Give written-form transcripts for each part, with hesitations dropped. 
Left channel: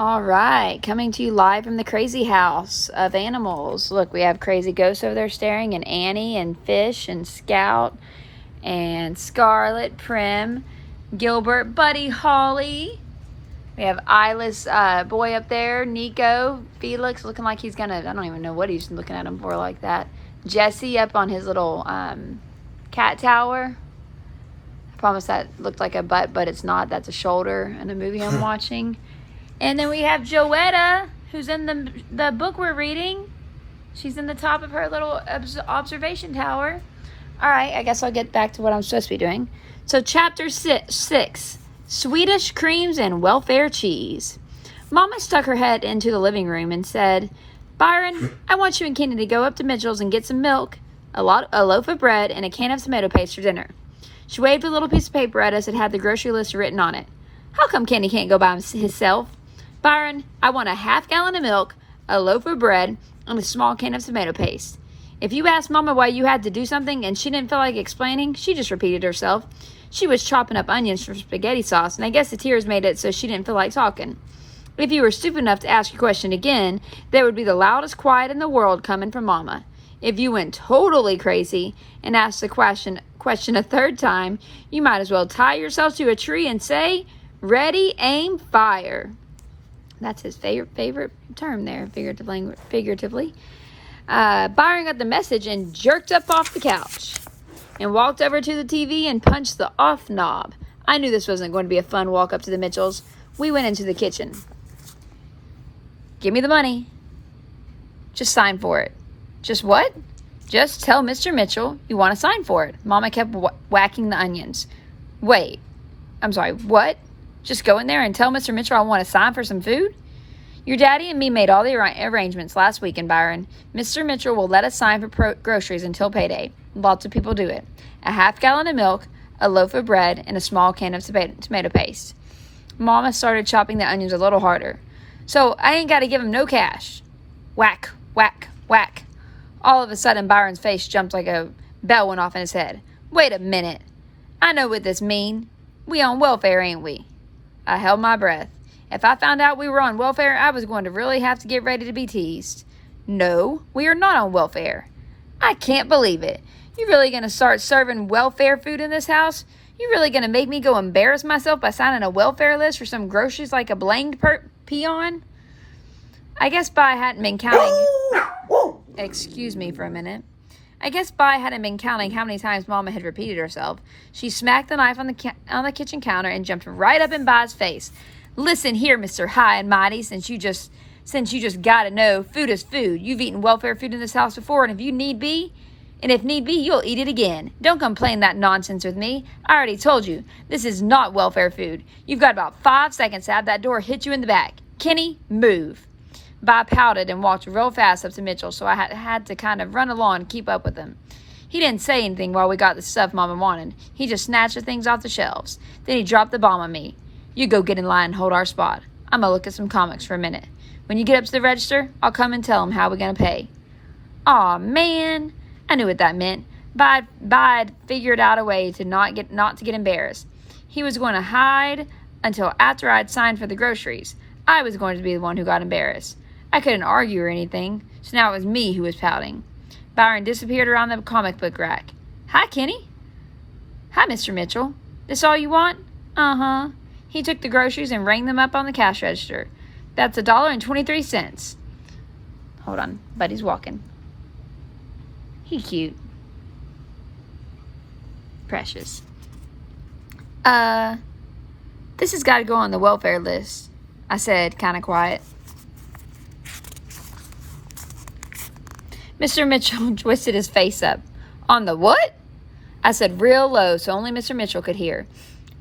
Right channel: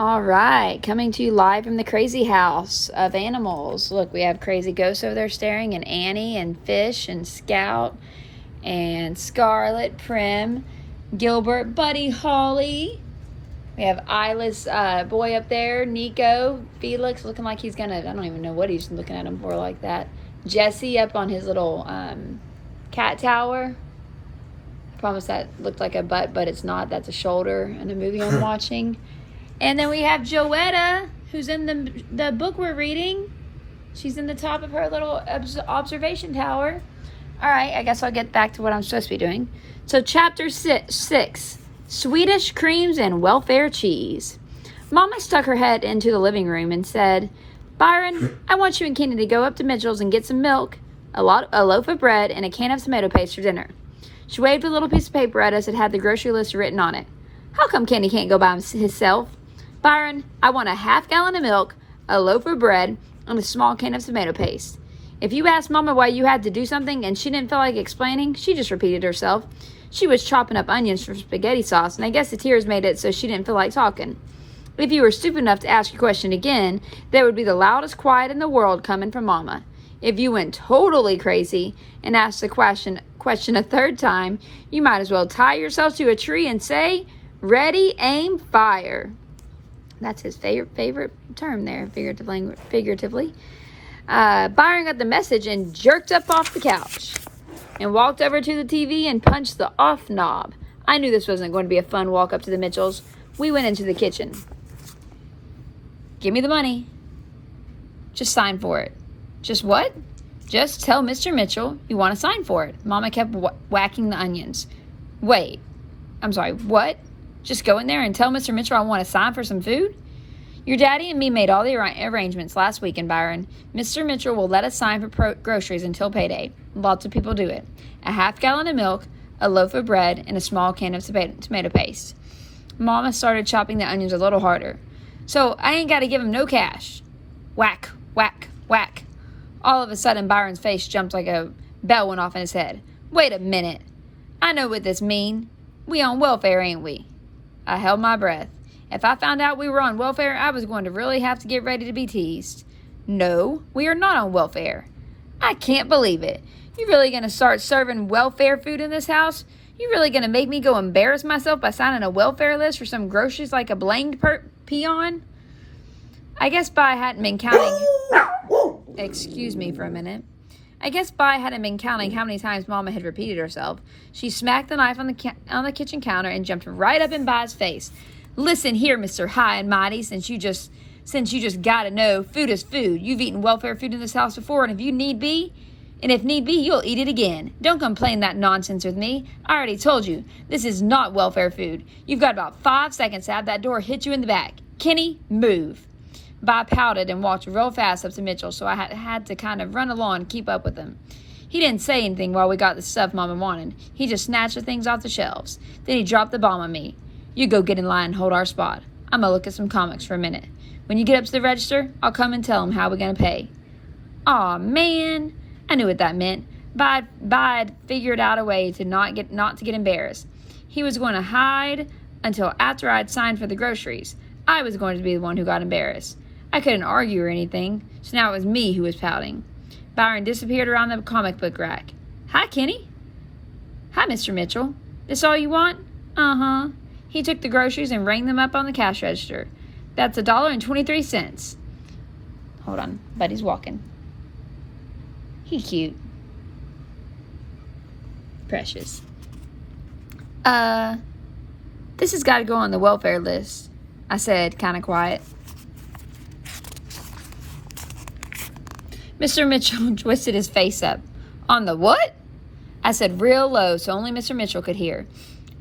All right, coming to you live from the crazy house of animals. Look, we have crazy ghosts over there staring, and Annie, and Fish, and Scout, and Scarlet, Prim, Gilbert, Buddy, Holly. We have Isla's boy up there, Nico, Felix, looking like he's gonna, I don't even know what he's looking at him for like that. Jesse up on his little cat tower. I promise that looked like a butt, but it's not. That's a shoulder in a movie I'm watching. And then we have Joetta, who's in the book we're reading. She's in the top of her little observation tower. All right, I guess I'll get back to what I'm supposed to be doing. So chapter 6, Swedish creams and welfare cheese. Mama stuck her head into the living room and said, Byron, I want you and Kenny to go up to Mitchell's and get some milk, a loaf of bread, and a can of tomato paste for dinner. She waved a little piece of paper at us that had the grocery list written on it. How come Kenny can't go by himself? Byron, I want a half-gallon of milk, a loaf of bread, and a small can of tomato paste. If you asked Mama why you had to do something and she didn't feel like explaining, she just repeated herself. She was chopping up onions for spaghetti sauce, and I guess the tears made it so she didn't feel like talking. If you were stupid enough to ask your question again, there would be the loudest quiet in the world coming from Mama. If you went totally crazy and asked the question a third time, you might as well tie yourself to a tree and say, ready, aim, fire. That's his favorite term there, figuratively. Byron got the message and jerked up off the couch and walked over to the TV and punched the off knob. I knew this wasn't going to be a fun walk up to the Mitchells. We went into the kitchen. Give me the money. Just sign for it. Just what? Just tell Mr. Mitchell you want to sign for it. Mama kept whacking the onions. Wait. I'm sorry, what? Just go in there and tell Mr. Mitchell I want to sign for some food? Your daddy and me made all the arrangements last weekend, Byron. Mr. Mitchell will let us sign for groceries until payday. Lots of people do it. A half-gallon of milk, a loaf of bread, and a small can of tomato paste. Mama started chopping the onions a little harder. So I ain't got to give him no cash. Whack, whack, whack. All of a sudden, Byron's face jumped like a bell went off in his head. Wait a minute. I know what this mean. We on welfare, ain't we? I held my breath. If I found out we were on welfare, I was going to really have to get ready to be teased. No, we are not on welfare. I can't believe it. You really going to start serving welfare food in this house? You really going to make me go embarrass myself by signing a welfare list for some groceries like a blanged peon? I guess Bi hadn't been counting... Excuse me for a minute. I guess Bi hadn't been counting how many times Mama had repeated herself. She smacked the knife on the kitchen counter and jumped right up in Bi's face. Listen here, Mr. High and Mighty, since you just gotta know, food is food. You've eaten welfare food in this house before, and if need be, you'll eat it again. Don't complain that nonsense with me. I already told you, this is not welfare food. You've got about 5 seconds to have that door hit you in the back. Kenny, move. Bi pouted and walked real fast up to Mitchell, so I had to kind of run along and keep up with him. He didn't say anything while we got the stuff Mama wanted. He just snatched the things off the shelves. Then he dropped the bomb on me. You go get in line and hold our spot. I'm gonna look at some comics for a minute. When you get up to the register, I'll come and tell him how we're gonna pay. Aw, man. I knew what that meant. Bide figured out a way to not to get embarrassed. He was going to hide until after I'd signed for the groceries. I was going to be the one who got embarrassed. I couldn't argue or anything, so now it was me who was pouting. Byron disappeared around the comic book rack. Hi, Kenny. Hi, Mr. Mitchell. This all you want? Uh-huh. He took the groceries and rang them up on the cash register. That's $1.23. Hold on, Buddy's walking. He cute. Precious. This has got to go on the welfare list, I said, kind of quiet. Mr. Mitchell twisted his face up. On the what? I said real low so only Mr. Mitchell could hear.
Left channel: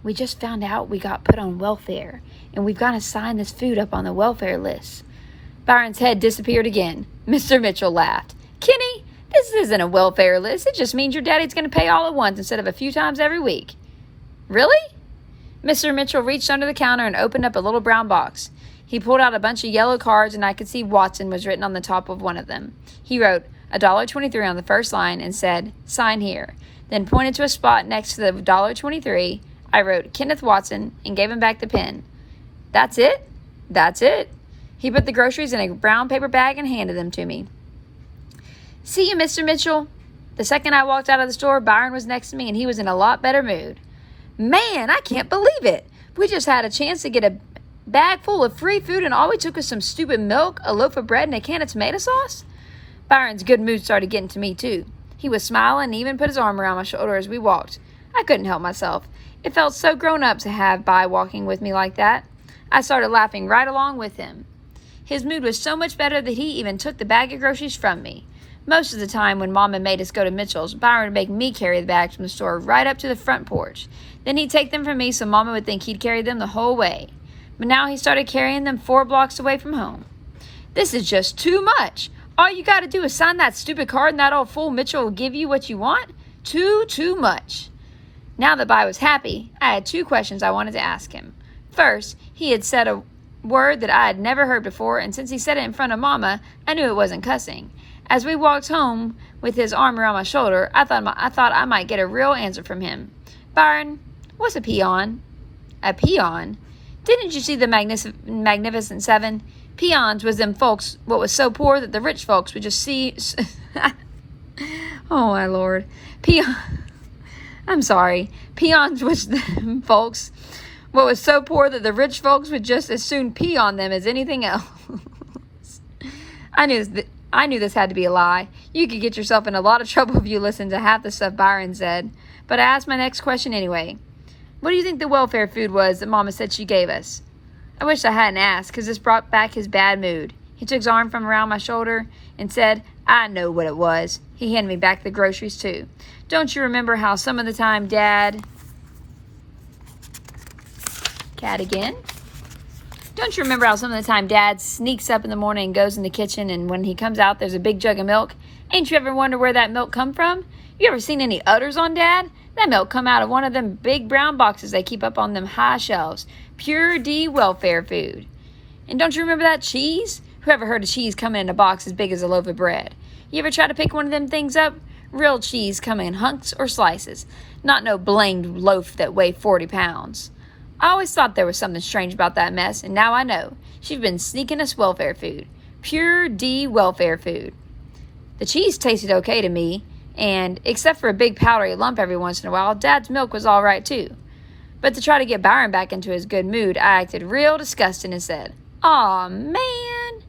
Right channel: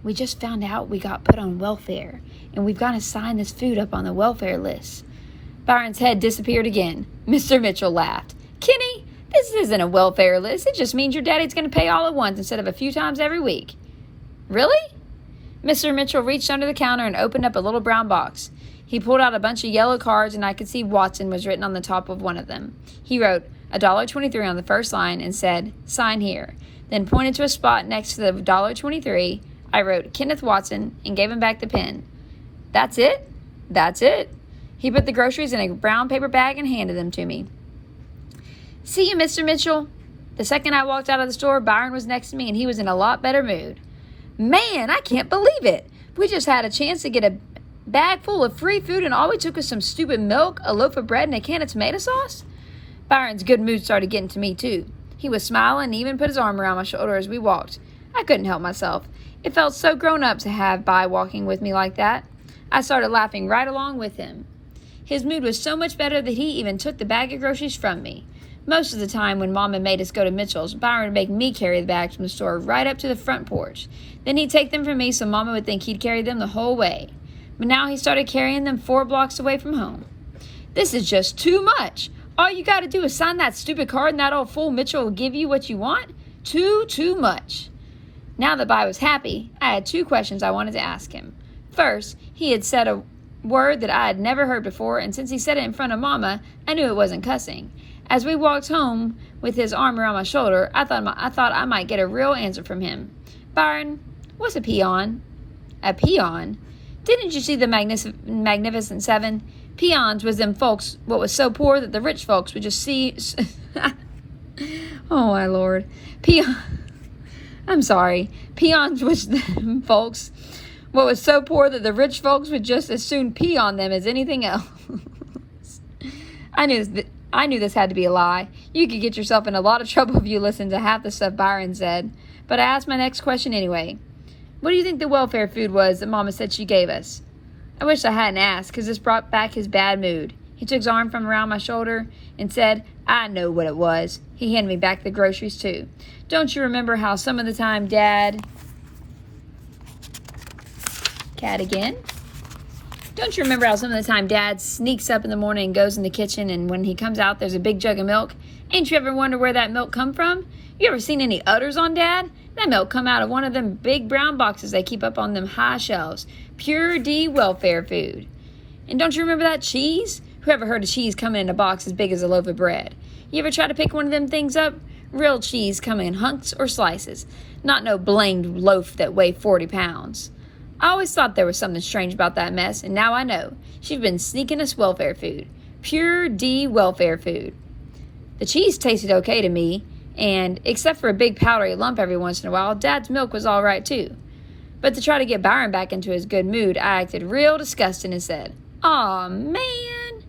We just found out we got put on welfare, and we've got to sign this food up on the welfare list. Byron's head disappeared again. Mr. Mitchell laughed. Kenny, this isn't a welfare list. It just means your daddy's going to pay all at once instead of a few times every week. Really? Mr. Mitchell reached under the counter and opened up a little brown box. He pulled out a bunch of yellow cards, and I could see Watson was written on the top of one of them. He wrote $1.23 on the first line and said, sign here. Then pointed to a spot next to the $1.23. I wrote Kenneth Watson and gave him back the pen. That's it? That's it. He put the groceries in a brown paper bag and handed them to me. See you, Mr. Mitchell. The second I walked out of the store, Byron was next to me, and he was in a lot better mood. Man, I can't believe it. We just had a chance to get a bag full of free food, and all we took was some stupid milk, a loaf of bread, and a can of tomato sauce? Byron's good mood started getting to me, too. He was smiling and even put his arm around my shoulder as we walked. I couldn't help myself. It felt so grown up to have By walking with me like that. I started laughing right along with him. His mood was so much better that he even took the bag of groceries from me. Most of the time when Mama made us go to Mitchell's, Byron would make me carry the bags from the store right up to the front porch. Then he'd take them from me so Mama would think he'd carried them the whole way. But now he started carrying them 4 blocks away from home. This is just too much. All you got to do is sign that stupid card and that old fool Mitchell will give you what you want? Too much. Now that By was happy, I had 2 questions I wanted to ask him. First, he had said a word that I had never heard before, and since he said it in front of Mama, I knew it wasn't cussing. As we walked home with his arm around my shoulder, I thought I might get a real answer from him. Byron, what's a peon? A peon? Didn't you see the Magnificent Seven? Peons was them folks what was so poor that the rich folks would just see... Oh, my Lord. I'm sorry. Peons was them folks what was so poor that the rich folks would just as soon pee on them as anything else. I knew this had to be a lie. You could get yourself in a lot of trouble if you listened to half the stuff Byron said. But I asked my next question anyway. What do you think the welfare food was that Mama said she gave us? I wish I hadn't asked, because this brought back his bad mood. He took his arm from around my shoulder and said, I know what it was. He handed me back the groceries, too. Don't you remember how some of the time Dad... Cat again? Don't you remember how some of the time Dad sneaks up in the morning and goes in the kitchen, and when he comes out, there's a big jug of milk? Ain't you ever wonder where that milk come from? You ever seen any udders on Dad? That milk come out of one of them big brown boxes they keep up on them high shelves. Pure D welfare food. And don't you remember that cheese? Who ever heard of cheese coming in a box as big as a loaf of bread? You ever try to pick one of them things up? Real cheese come in hunks or slices. Not no blamed loaf that weigh 40 pounds. I always thought there was something strange about that mess, and now I know. She's been sneaking us welfare food. Pure D welfare food. The cheese tasted okay to me, and except for a big powdery lump every once in a while, Dad's milk was all right too. But to try to get Byron back into his good mood, I acted real disgusting and said, Aw, man.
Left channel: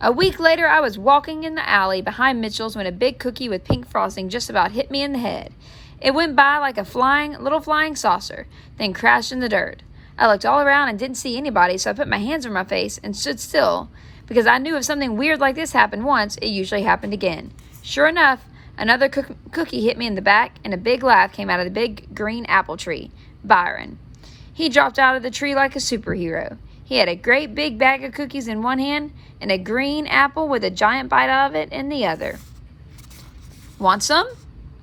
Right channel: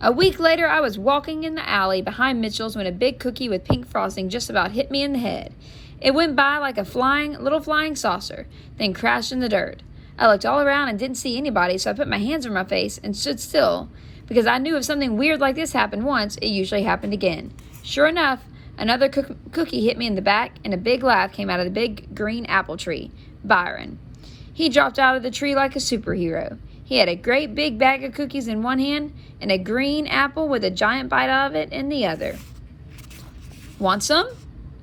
A week later, I was walking in the alley behind Mitchell's when a big cookie with pink frosting just about hit me in the head. It went by like a little flying saucer, then crashed in the dirt. I looked all around and didn't see anybody, so I put my hands on my face and stood still, because I knew if something weird like this happened once, it usually happened again. Sure enough, another cookie hit me in the back, and a big laugh came out of the big green apple tree. Byron. He dropped out of the tree like a superhero. He had a great big bag of cookies in one hand and a green apple with a giant bite of it in the other. Want some?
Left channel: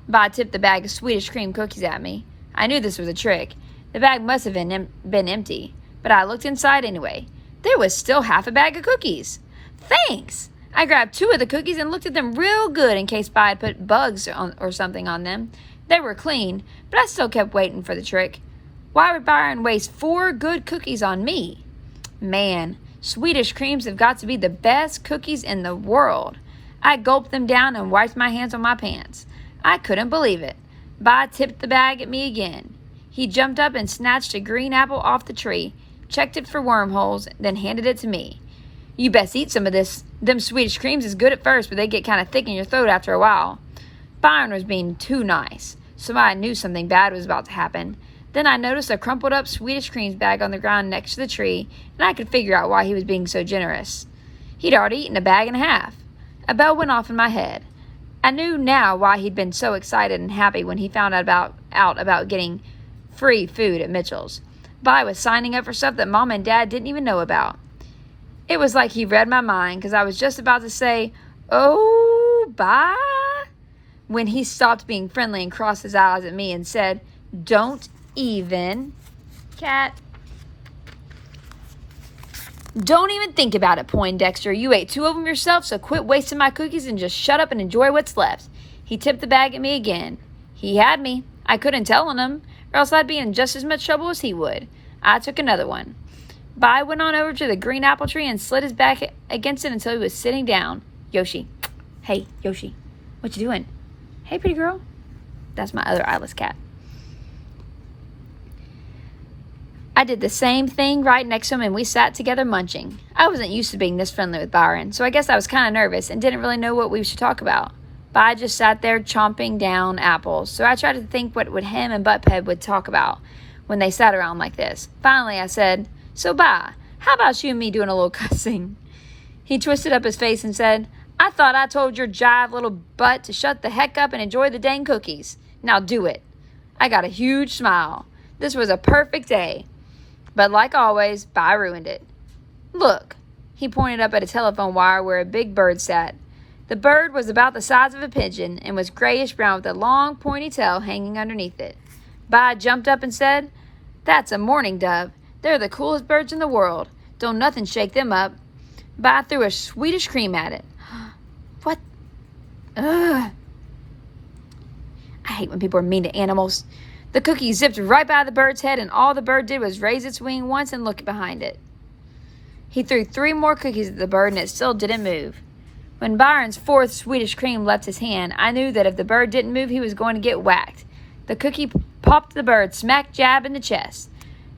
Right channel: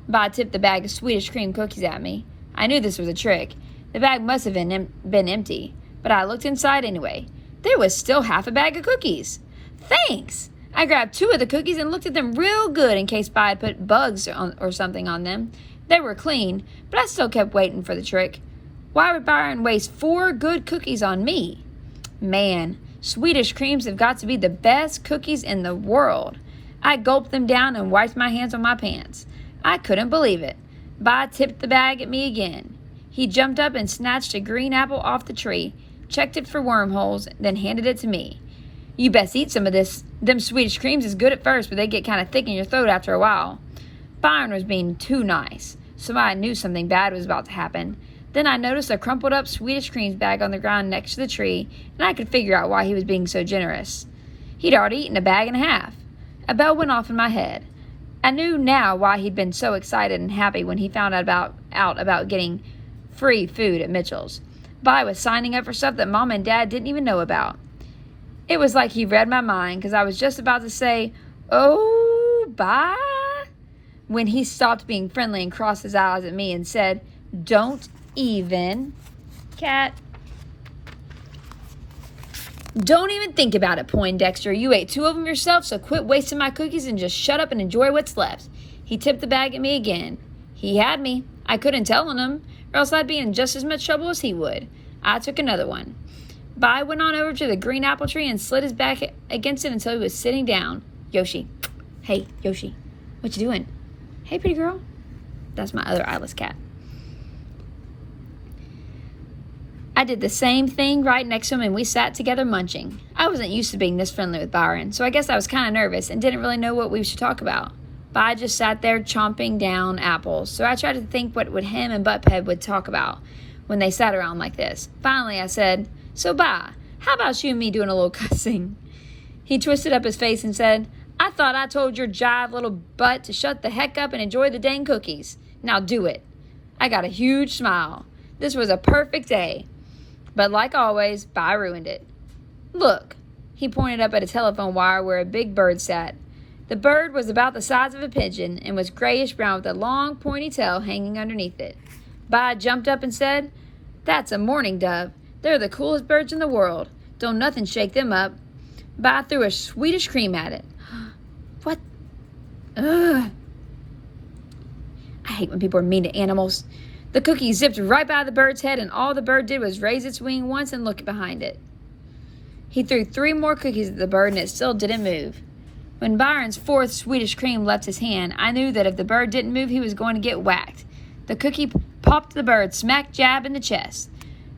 By tipped the bag of Swedish cream cookies at me. I knew this was a trick. The bag must have been empty, but I looked inside anyway. There was still half a bag of cookies. Thanks! I grabbed 2 of the cookies and looked at them real good in case By had put bugs or something on them. They were clean, but I still kept waiting for the trick. Why would Byron waste 4 good cookies on me? Man, Swedish creams have got to be the best cookies in the world. I gulped them down and wiped my hands on my pants. I couldn't believe it. By tipped the bag at me again. He jumped up and snatched a green apple off the tree, checked it for wormholes, then handed it to me. You best eat some of this. Them Swedish creams is good at first, but they get kind of thick in your throat after a while. Byron was being too nice, so I knew something bad was about to happen. Then I noticed a crumpled up Swedish creams bag on the ground next to the tree, and I could figure out why he was being so generous. He'd already eaten a bag and a half. A bell went off in my head. I knew now why he'd been so excited and happy when he found out about getting free food at Mitchell's. By was signing up for stuff that Mom and Dad didn't even know about. It was like he read my mind, because I was just about to say, "Oh, By," when he stopped being friendly and crossed his eyes at me and said, "Don't even, Cat. Don't even think about it, Poindexter. You ate 2 of them yourself, so quit wasting my cookies and just shut up and enjoy what's left." He tipped the bag at me again. He had me. I couldn't tell on him, or else I'd be in just as much trouble as he would. I took another one. Bai went on over to the green apple tree and slid his back against it until he was sitting down. Yoshi. Hey, Yoshi. What you doing? Hey, pretty girl. That's my other eyeless cat. I did the same thing right next to him, and we sat together munching. I wasn't used to being this friendly with Byron, so I guess I was kind of nervous and didn't really know what we should talk about. Bai just sat there chomping down apples, so I tried to think what him and Buttpeg would talk about when they sat around like this. Finally, I said, "So, Bai, how about you and me doing a little cussing?" He twisted up his face and said, "I thought I told your jive little butt to shut the heck up and enjoy the dang cookies. Now do it." I got a huge smile. This was a perfect day. But like always, Bai ruined it. "Look," he pointed up at a telephone wire where a big bird sat. The bird was about the size of a pigeon and was grayish-brown with a long, pointy tail hanging underneath it. Bai jumped up and said, "That's a mourning dove. They're the coolest birds in the world. Don't nothing shake them up." Bai threw a Swedish cream at it. What? Ugh. I hate when people are mean to animals. The cookie zipped right by the bird's head, and all the bird did was raise its wing once and look behind it. He threw 3 more cookies at the bird, and it still didn't move. When Byron's 4th Swedish cream left his hand, I knew that if the bird didn't move, he was going to get whacked. The cookie popped the bird smack jab in the chest.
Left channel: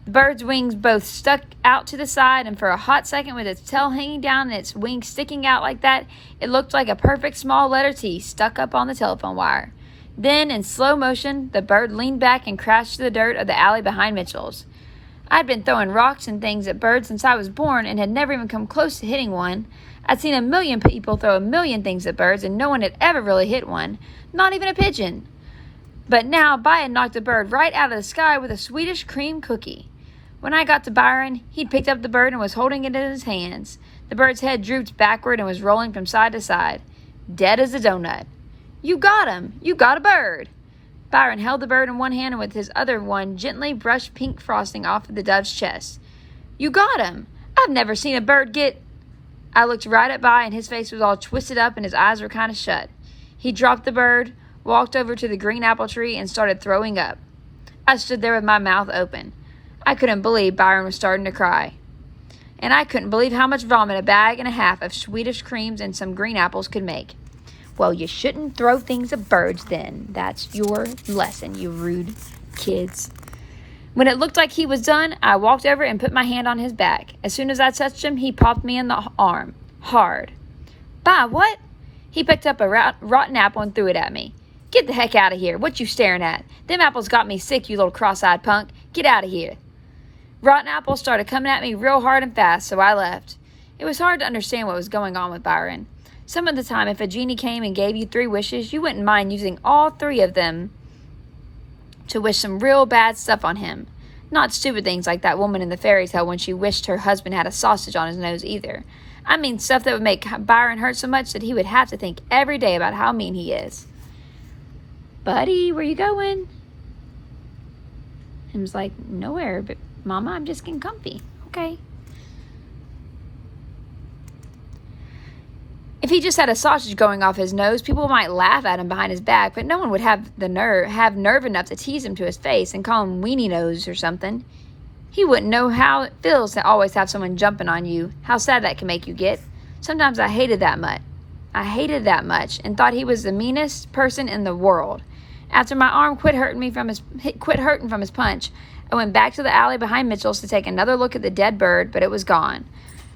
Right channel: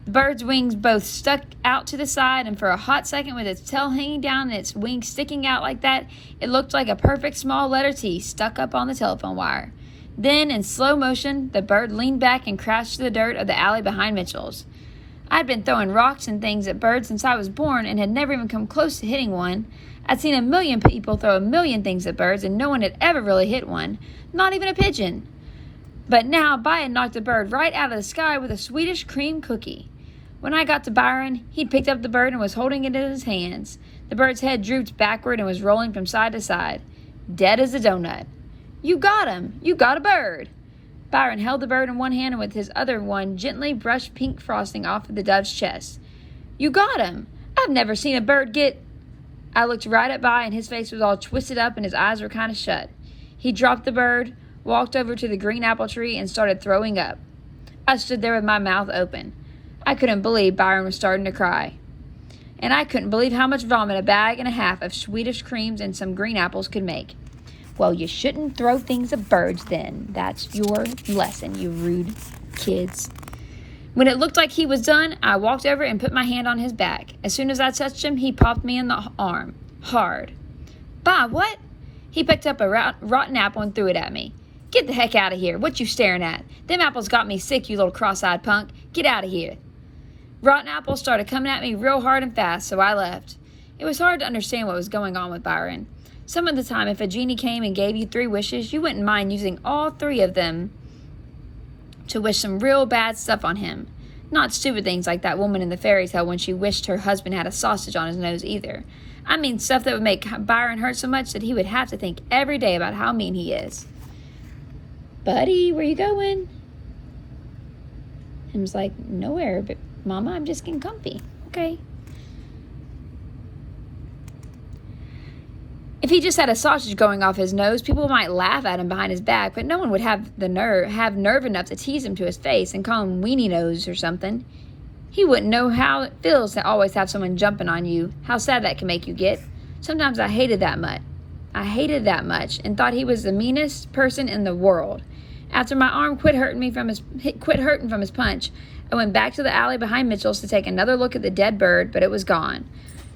The bird's wings both stuck out to the side, and for a hot second, with its tail hanging down and its wings sticking out like that, it looked like a perfect small letter T stuck up on the telephone wire. Then, in slow motion, the bird leaned back and crashed to the dirt of the alley behind Mitchell's. I'd been throwing rocks and things at birds since I was born and had never even come close to hitting one. I'd seen a million people throw a million things at birds, and no one had ever really hit one, not even a pigeon. But now, Bai had knocked the bird right out of the sky with a Swedish cream cookie. When I got to Byron, he'd picked up the bird and was holding it in his hands. The bird's head drooped backward and was rolling from side to side, dead as a donut. "You got him! You got a bird!" Byron held the bird in one hand and with his other one gently brushed pink frosting off of the dove's chest. "You got him! I've never seen a bird get—" I looked right at Bai, and his face was all twisted up and his eyes were kind of shut. He dropped the bird, walked over to the green apple tree, and started throwing up. I stood there with my mouth open. I couldn't believe Byron was starting to cry. And I couldn't believe how much vomit a bag and a half of Swedish creams and some green apples could make. Well, you shouldn't throw things at birds then. That's your lesson, you rude kids. When it looked like he was done, I walked over and put my hand on his back. As soon as I touched him, he popped me in the arm. Hard. "Bah, what?" He picked up a rotten apple and threw it at me. "Get the heck out of here. What you staring at? Them apples got me sick, you little cross-eyed punk. Get out of here." Rotten apples started coming at me real hard and fast, so I left. It was hard to understand what was going on with Byron. Some of the time, if a genie came and gave you 3 wishes, you wouldn't mind using all 3 of them to wish some real bad stuff on him. Not stupid things like that woman in the fairy tale when she wished her husband had a sausage on his nose either. I mean stuff that would make Byron hurt so much that he would have to think every day about how mean he is. "Buddy, where you going?" And was like, "Nowhere, but Mama, I'm just getting comfy." "Okay." If he just had a sausage going off his nose, people might laugh at him behind his back, but no one would have nerve enough to tease him to his face and call him weenie nose or something. He wouldn't know how it feels to always have someone jumping on you, how sad that can make you get. Sometimes I hated that much and thought he was the meanest person in the world. After my arm quit hurting from his punch, I went back to the alley behind Mitchell's to take another look at the dead bird, but it was gone.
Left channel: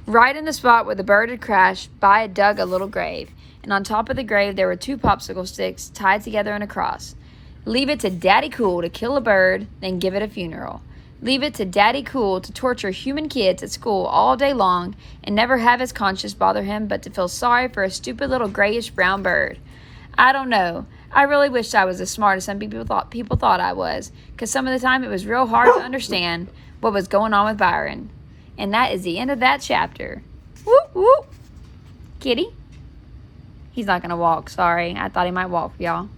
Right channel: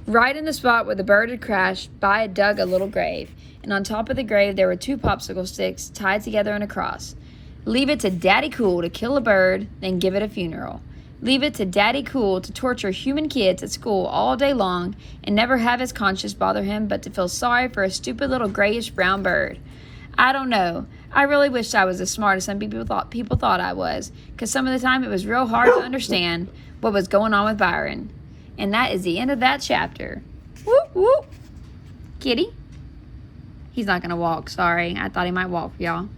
Right in the spot where the bird had crashed, Bai had dug a little grave, and on top of the grave there were 2 popsicle sticks tied together in a cross. Leave it to Daddy Cool to kill a bird, then give it a funeral. Leave it to Daddy Cool to torture human kids at school all day long and never have his conscience bother him but to feel sorry for a stupid little grayish-brown bird. I don't know. I really wished I was as smart as some people thought I was, because some of the time it was real hard to understand what was going on with Byron. And that is the end of that chapter. Whoop, whoop. Kitty. He's not going to walk, sorry. I thought he might walk for y'all.